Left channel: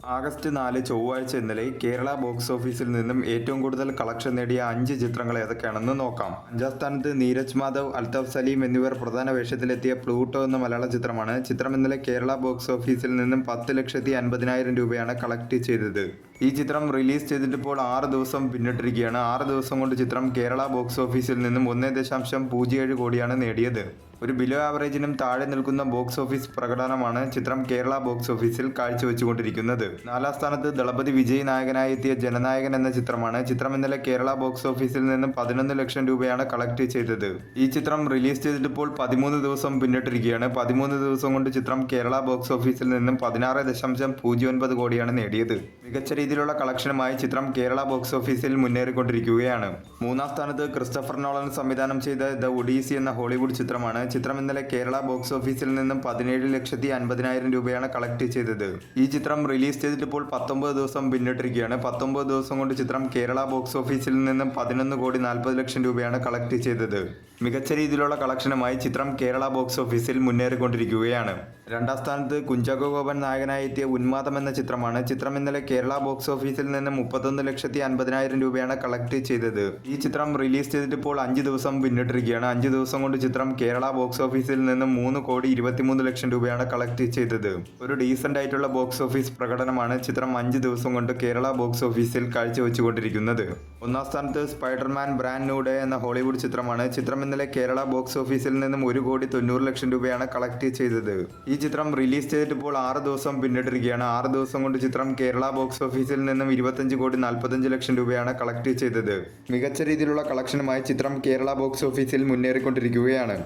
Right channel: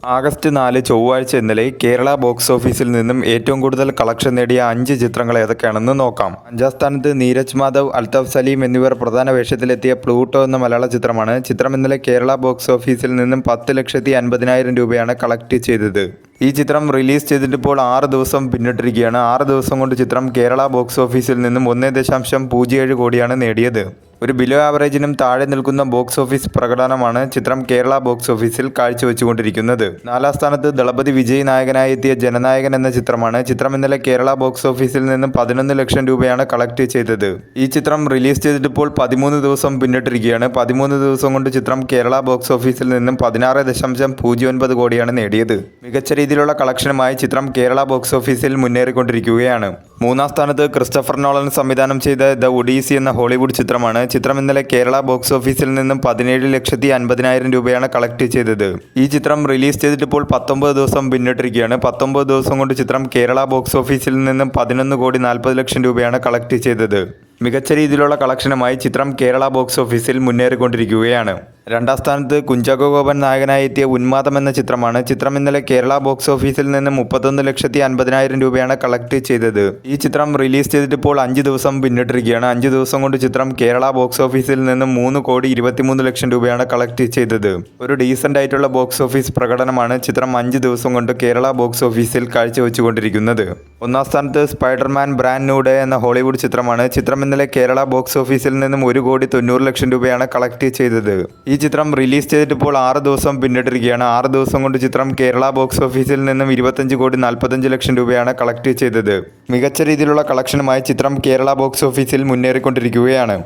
August 4 ചൊവ്വാഴ്ച ഇന്നലെ Kerala box ഓഫീസിൽ നിന്നും ഏറ്റവും കൂടുതൽ കളക്ഷൻ നേടിയ 5 ചിത്രങ്ങൾ ഏതൊക്കെയാണെന്ന് നോക്കാം. 5-ാം സ്ഥാനത്ത് നീരജ് മാധവ്, അൽതാഫ് സലീം എന്നിവർ പ്രധാന വേഷത്തിലെത്തിയ പ്ലൂട്ടോ എന്ന മലയാള ചിത്രമാണ്. ചിത്രം ഇന്നലെ കേരള ബോക്സ് ഓഫീസിൽ നിന്നും 10,50,000 രൂപയാണ് കളക്ട് ചെയ്തത്. ഈ ചിത്രം റിലീസ് ചെയ്തിട്ടിപ്പോൾ 6 ദിവസം പിന്നിട്ടിരിക്കുകയാണ്. 6 ദിവസം കൊണ്ട് ചിത്രം കേരള ബോക്സ് ഓഫീസിൽ നിന്നും 1.07 കോടിയാണ് നേടിയത്. ഒരു ബിലോ ആവറേജിനും താഴെ നിൽക്കുന്ന ബോക്സ് ഓഫീസ് പ്രകടനമാണ് ചിത്രം കേരള ബോക്സ് ഓഫീസിൽ കാഴ്ചവെച്ചുകൊണ്ടിരിക്കുന്നത്. 4-ാം സ്ഥാനത്ത് ദളപതി വിജയ് നായകനായി എത്തിയ ജനനായകൻ എന്ന ചിത്രമാണ്. ചിത്രം ഇന്നലെ കേരള ബോക്സ് ഓഫീസിൽ നിന്നും 11 ലക്ഷം രൂപയാണ് കളക്ട് ചെയ്തത്. ഈ ചിത്രം റിലീസ് ചെയ്തിട്ടിപ്പോൾ 13 ദിവസം പിന്നിട്ടിരിക്കുകയാണ്. 13 ദിവസം കൊണ്ട് ചിത്രം കേരള ബോക്സ് ഓഫീസിൽ നിന്നും 16.09 കോടിയാണ് നേടിയത്. മികച്ച രീതിയിലുള്ള കളക്ഷനുമായി ചിത്രം കേരള ബോക്സ് ഓഫീസിൽ മുന്നേറിക്കൊണ്ടിരിക്കുകയാണ്. 3-ാം സ്ഥാനത്ത് ക്രിസ്റ്റഫർ നോളൻ സംവിധാനം ചെയ്ത ദ ഒഡീസി എന്ന ഹോളിവുഡ് ചിത്രമാണ്. ചിത്രം ഇന്നലെ കേരള ബോക്സ് ഓഫീസിൽ നിന്നും 17,50,000 രൂപയാണ് കളക്ട് ചെയ്തത്. ഈ ചിത്രം റിലീസ് ചെയ്തിട്ടിപ്പോൾ 19 ദിവസം പിന്നിട്ടിരിക്കുകയാണ്. 19 ദിവസം കൊണ്ട് ചിത്രം കേരള ബോക്സ് ഓഫീസിൽ നിന്നും 11,40,00,000 രൂപയാണ് കളക്ട് ചെയ്തത്. മികച്ച രീതിയിലുള്ള കളക്ഷനുമായി ചിത്രം കേരള ബോക്സ് ഓഫീസിൽ മുന്നേറിക്കൊണ്ടിരിക്കുകയാണ്. 2-ാം സ്ഥാനത്ത് കുഞ്ചാക്കോ ബോബൻ നായകനായി എത്തിയ ഉന്മാദം എന്ന ചിത്രമാണ്. ചിത്രം ഇന്നലെ കേരള ബോക്സ് ഓഫീസിൽ നിന്നും 31,50,000 രൂപയാണ് കളക്ട് ചെയ്തത്. ഈ ചിത്രം റിലീസ് ചെയ്തിട്ടിപ്പോൾ 5 ദിവസം പിന്നിട്ടിരിക്കുകയാണ്. 5 ദിവസം കൊണ്ട് ചിത്രം കേരള ബോക്സ് ഓഫീസിൽ നിന്നും 3,23,00,000 രൂപയാണ് കളക്ട് ചെയ്തത്. ഒരു ഡീസൻ്റ് ആയിട്ടുള്ള ബോക്സ് ഓഫീസ് പ്രകടനമാണ് ചിത്രം 5 ദിവസം കൊണ്ട് കേരള ബോക്സ് ഓഫീസിൽ കാഴ്ചവെച്ചുകൊണ്ടിരിക്കുന്നത്. 1-ാം സ്ഥാനത്ത് സ്പൈഡർമാൻ ബ്രാൻഡ് ന്യൂ ഡേ എന്ന ഹോളിവുഡ് ചിത്രമാണ്. ചിത്രം ഇന്നലെ കേരള ബോക്സ് ഓഫീസിൽ നിന്നും 1,90,00,000 രൂപയാണ് കളക്ട് ചെയ്തത്. ഈ ചിത്രം റിലീസ് ചെയ്തിട്ടിപ്പോൾ 6 ദിവസം പിന്നിട്ടിരിക്കുകയാണ്. 6 ദിവസം കൊണ്ട് ചിത്രം കേരള ബോക്സ് ഓഫീസിൽ നിന്നും 25,45,00,000 രൂപയാണ് കളക്ട് ചെയ്തത്. മികച്ച രീതിയിലുള്ള കളക്ഷനുമായി ചിത്രം കേരള ബോക്സ് ഓഫീസിൽ മുന്നേറിക്കൊണ്ടിരിക്കുകയാണ്.